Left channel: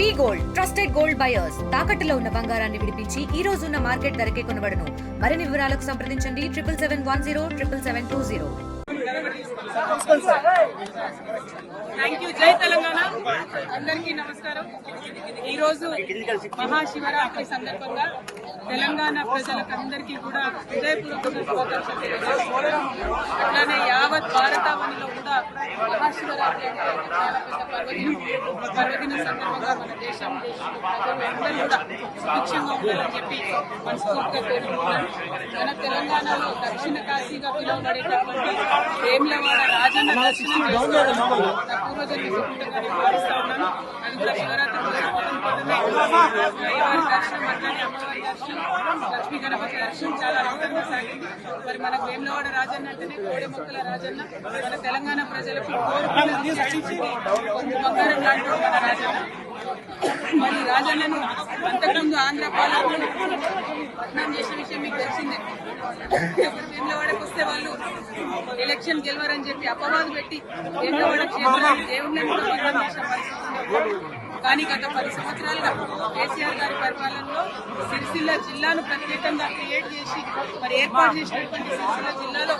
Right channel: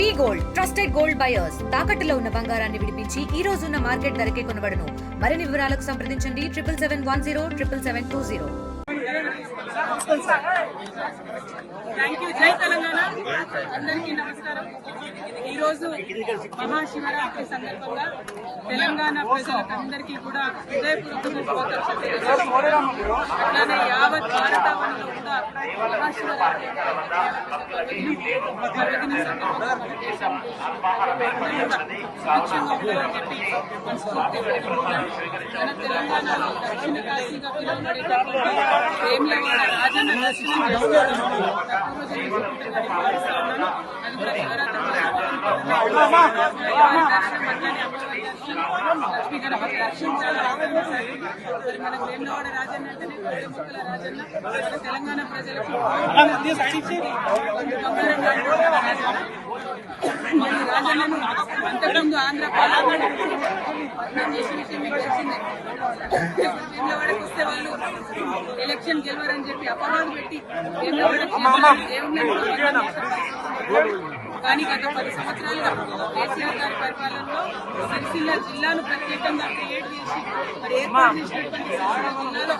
వి gold trusted gold buyers తాకట్టులో ఉన్న బంగారాన్ని విడిపించి ఈ రోజు ఉన్న మార్కెట్ ధరకే కొనబడును. మరిన్ని వివరాలకు సంప్రదించండి 77710720. Thank you. జై తెలంగాణ. అందరికీ నమస్కారం. ఈరోజు మహాశివరాత్రి సందర్భంగా తెలంగాణ ప్రజలకు అందరికీ కూడా హృదయపూర్వకంగా శుభాకాంక్షలు తెలియజేస్తున్నాం. అట్లానే యావత్ భారతావనిలో కూడా మహాశివరాత్రి అంటే చాలా పెద్ద పర్వదినం సందర్భంగా మన దేశంలో ప్రజలు అందరూ కూడా సుభిక్షంగా ఉండాలని చెప్పి మనస్ఫూర్తిగా కోరుకుంటున్నాను. మన తెలంగాణలో దక్షిణ కాశీగా పిలువబడేటటువంటి వేములవాడ రాజన్న దర్శనం చేసుకోవడం నా పూర్వజన్మ సుకృతంగా నేను భావిస్తా ఉన్నాను. అది కూడా శివరాత్రి రోజు అయ్యవారి దర్శనం, అట్లనే అమ్మవారి దర్శనం, లక్ష్మీ గణపతి దర్శనం చాలా అద్భుతంగా సాగింది. మరి మన వేములవాడ రాజన్న అంటేనే కోడి మొక్కల రాజన్న, మన తెలంగాణ ప్రజలకు బంగారం లాంటి మన రాజన్న. మరి రాజన్నను అంతకుముందు ఆంధ్ర పాలకులు పట్నం చేసిన విషయం మీకు తెలిసిందే. వేములవాడకు వస్తే వాళ్ళు ఎలక్షన్ గెలవరని చెప్పి అపవాదు పెట్టి వేములవాడ క్షేత్రాన్ని దేవుళ్ళని కూడా పట్నం చేసిన పరిస్థితి. కానీ గత 10 సంవత్సరాలుగా కేసీఆర్ గారి పరిపాలనలో సిరిసిల్ల జిల్లాను ప్రత్యేకంగా క్రియేట్ చేసి మరి ఏర్పాటు చేసినటువంటి సిరిసిల్ల జిల్లాలో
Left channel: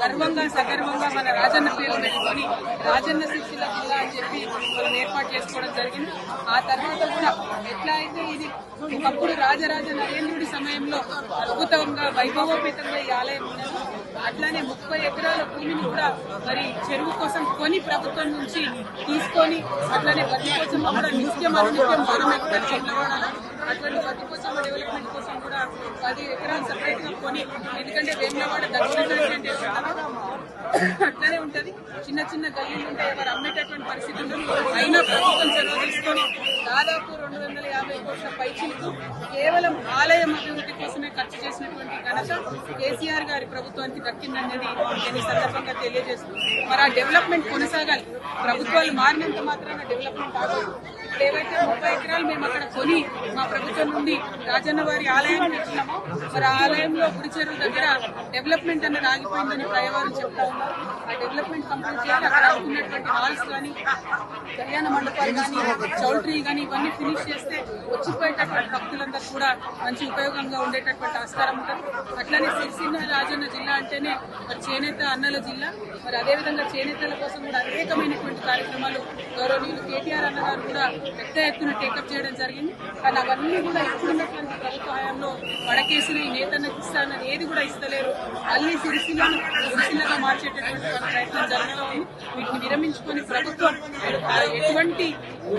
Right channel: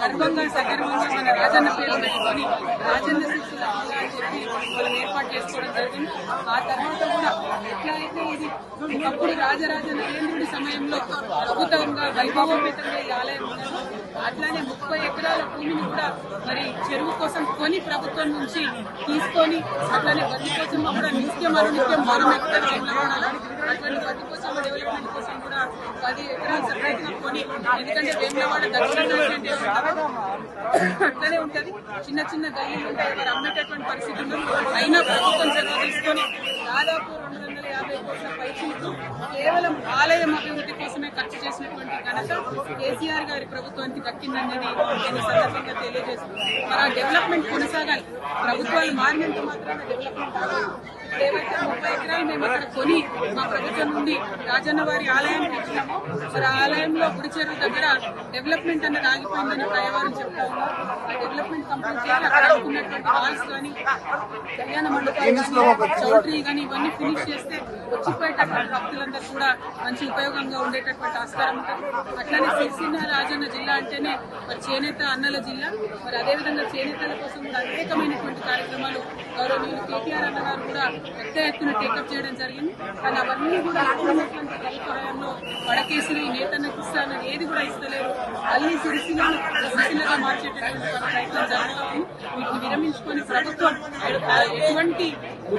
గర్వంగా సగర్వంగా మన రాజన్న పేరు పెట్టుకొని రాజన్న సిరిసిల్ల జిల్లా అని చెప్పి మనం ఏర్పాటు చేసుకోవడం జరిగింది. ఆ తర్వాత కూడా ఎట్లా అయితే ఇది ఒకప్పుడు రాజరాజ నరేంద్రుడి సమయంలో అద్భుతంగా వైభవోపేతంగా ఈ ఆలయం ఉన్నది, అట్లానే 30 ఎకరాల భూమిని కూడా మరి చెరువు కోసం కొని ప్రభుత్వం నుంచి తీసుకొని అట్లానే బతి కోసం కూడా నిత్యం అనునిత్యం మనం ఎక్కుతారు వేములవాడలో. అటువంటి బతి కోసం డెవలప్మెంట్ కోసం కూడా 10 ఎకరాలు సపరేట్ గా కొని, ఎందుకంటే వేములవాడ దక్షిణ కాశీ అంటే ఎట్లుంటారో అట్లనే ఉంటది. చిన్న చిన్న గల్లీలు ఉంటాయి, ఎవరు అమ్మేటటువంటి పరిస్థితి ఉండదు. అయినా ప్రభుత్వం చొరవ తీసుకొని దాదాపు 250 కోట్ల పైచిలకు కేవలం ఆలయం అభివృద్ధి కోసమే ఖర్చు చేసినటువంటి ఘనత కేసీఆర్ గారి ప్రభుత్వానికి దక్కిందనేది నేను సందర్భంగా తెలియజేస్తున్నాను. మరి ఆ డెవలప్మెంట్ కొనసాగాలి. ప్రభుత్వాలు మారినంత మాత్రాన డెవలప్మెంట్ ఆగదు. ఏవైతే 30 ఎకరాలు మేము అక్కడ కొని మా ప్రభుత్వం నుండి రాజన్న వారి ఆలయానికి ఇచ్చినామో, మరి ఆ ఆలయంలో గుడి చెరువు దగ్గర డెవలప్మెంట్ అనేది ఆగిపోయిందని ప్రయవారం చెప్తా ఉన్నారు. ఆ డెవలప్మెంట్ కంప్లీట్ చేయాలి. అక్కడ అనుకున్నటువంటి హాల్స్ కానీ, కళ్యాణ మండపాలు కానీ, చౌల్ట్రీ కానీ ఇవన్నీ ఫినిష్ చేస్తే వచ్చిపోయేటటువంటి భక్తులందరూ కూడా మంచి ఉపయోగంగా ఉండేటటువంటి ఆస్కారం ఉంటుంది. అట్లానే సిరిసిల్ల రాజన్న జిల్లా అంటేనే మరి చేనేత అన్నల జిల్లా. మరి అదేవిధంగా చేనేతల కోసం కూడా అనేకమైనటువంటి కార్యక్రమాలు గౌరవనీయులు కేటీఆర్ అన్న గారు కూడా పెద్ద ఎత్తున టేకప్ చేయడం జరిగింది. కానీ అవన్నీ కూడా ఇప్పుడున్నటువంటి ప్రభుత్వ హయాంలో వడకేసిన నేతన్నకి ఇస్తానని ఏది కూడా ఇస్తలేరు. మళ్ళీ సిరిసిల్లగా మార్చేటటువంటి ప్రయత్నం జరుగుతూ ఉంది. వీటిని విరమించుకొని ప్రభుత్వం ఎటువంటి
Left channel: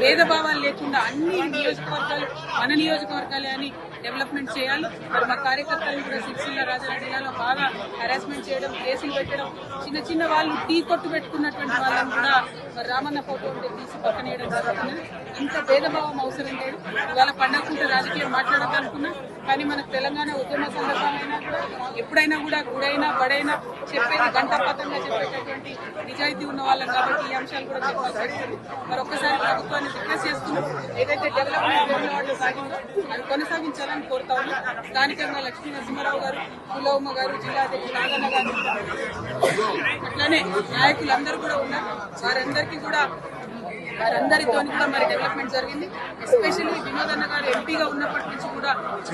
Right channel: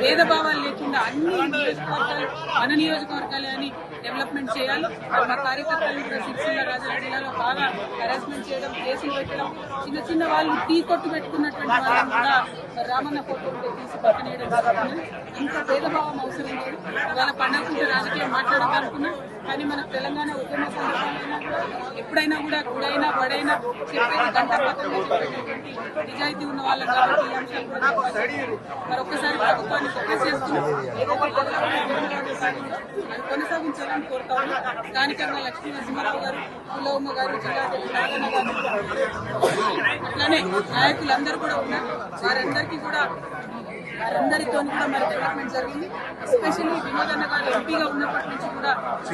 భేదభావాలు లేకుండా అన్ని నియోజకవర్గాలు మన నియోజకవర్గాలే అని డెవలప్మెంట్ చేయాలి. మరి మా కార్యకర్తలు కూడా సిరిసిల్ల రాజన్న జిల్లాలో బాగా హెరాస్మెంట్ చేయడం, కేసులు పెట్టడం, చిన్న చిన్న వాళ్ళు టీ కొట్టు పెట్టుకున్నటువంటి వాళ్ళని కూడా మరి రామన్న ఫోటో ఉంటే తీసి పక్కనేయడం జరుగుతుంది. ఇంత భేదభావం అవసరం లేదు. ఇవాళ పండగకుంటే రాజకీయం మాట్లాడాలనుకున్నా, కానీ మనకు తెలంగాణ ఉద్యమ సందర్భంగా కూడా ఎప్పుడైనా కూడా గుడైనా బడైనా చెప్పేది గంటపతంగా చెప్పేటటువంటి నిజాయితీ ఉన్న వాళ్ళం కాబట్టి ఈ అంశాలు కూడా చెప్పాల్సి వస్తుంది. మరి ఒక్కసారి ప్రభుత్వాన్ని రిక్వెస్ట్ చేస్తున్నాం, ఏదైతే డెవలప్మెంట్ వాళ్ళు సాగిందో అది కొనసాగించాలని కోరుతా ఉన్నాం. స్థానికంగా లక్ష్మీ నరసింహారావు గారు, కులవమ్మ గారు, జిల్లా అధ్యక్షుడు నాగన్న గారు, అట్లానే నాయకులందరూ కూడా ఉన్నారు. వారందరితో కూడా మరి డెవలప్మెంట్ జరిగింది. ఎస్పెషల్లీ వినోదన్న గారు ఎంపీగా ఉన్నప్పటి నుంచి కూడా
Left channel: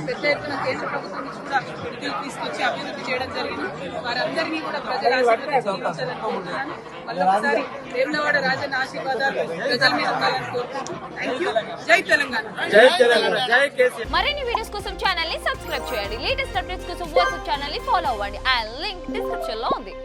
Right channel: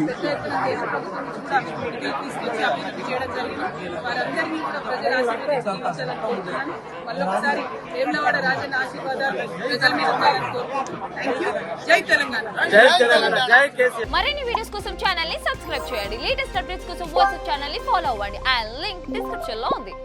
పెద్ద ఎత్తున కేంద్ర ప్రభుత్వం నుంచి కూడా నిధులు తీసుకొచ్చి అభివృద్ధి చేయడం జరిగింది. వారందరినీ కూడా ప్రజల ఆశీర్వాదాలని కోరుతున్నాను. మళ్ళొకసారి వేములవాడ రాజన్న ఆశీర్వాదాలు ప్రజల మీద ఉండాలని కోరుకుంటున్నాను. Thank you. జై తెలంగాణ. మరిన్ని వీడియోస్ కోసం ఛానల్ ని సబ్స్క్రైబ్ చేయండి. లేటెస్ట్ అప్డేట్స్ కోసం వాట్సాప్ ఛానల్ ని ఫాలో అవ్వండి. అండ్ లింక్ డిస్క్రిప్షన్ లో ఉంది.